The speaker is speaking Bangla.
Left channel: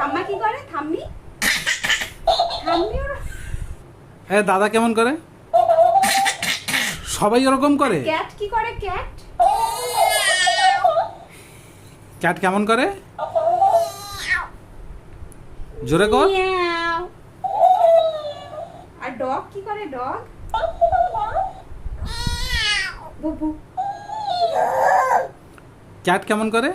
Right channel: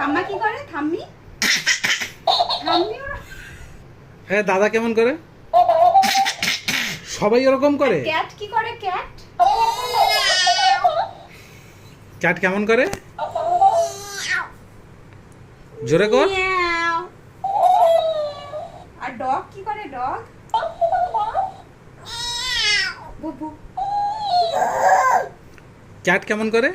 ঠাম্মা কি করে? ঠাম্মি ঠাম্মি হ্যাঁ, দাদা কেমন করে? সবাই ওরকম করে। ক্যাট কি করে? ক্যাট ক্যাট কেমন করে? জোরে কর। মিয়াও। আর ডগ কি করে? ডগ বুবু। ক্যাট কেমন করে?